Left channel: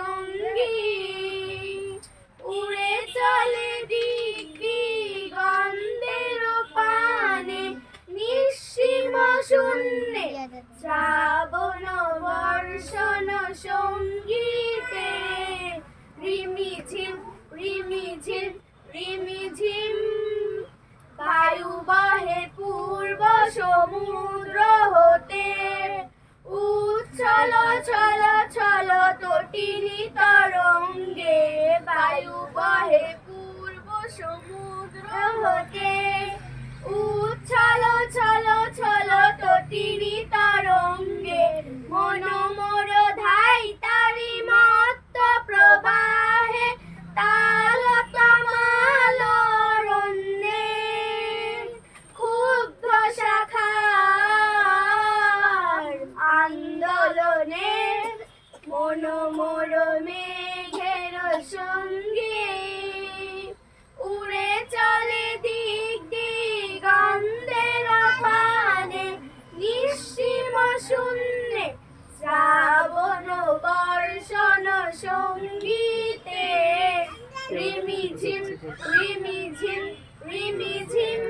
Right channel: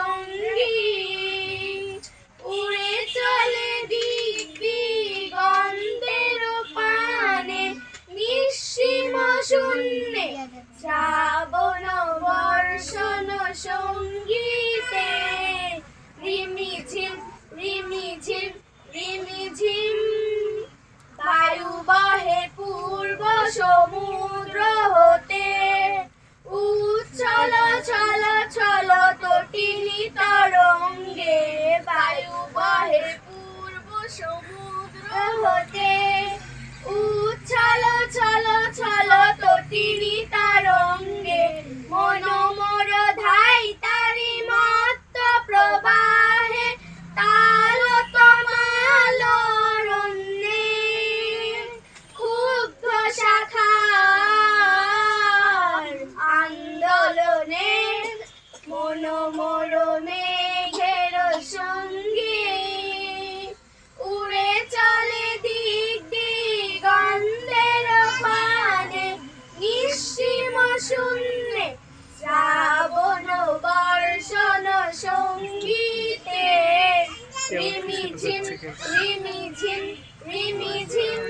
সঙ্গীত উড়ে চলে দিগন্তের পানে নিঃসীম শূন্যে শ্রাবণ বর্ষণ সঙ্গীতে রিমিঝিম রিমিঝিম রিমিঝিম বায়ু বহে পূর্ব সমুদ্র হতে উচ্ছল ছল ছল তটিনী তরঙ্গে বায়ু বহে পূর্ব সমুদ্র হতে উচ্ছল ছল ছল তটিনী তরঙ্গে মনোমর ধাই তারি মত্ত প্রবাহে তাল তমাল রণ্যে ক্ষুব্ধ শাখার আন্দোলনে মনোমর মেঘের সঙ্গে উড়ে চলে দিগন্তের পানে নিঃসীম শূন্যে শ্রাবণ বর্ষণ সঙ্গীতে রিমিঝিম রিমিঝিম রিমিঝিম।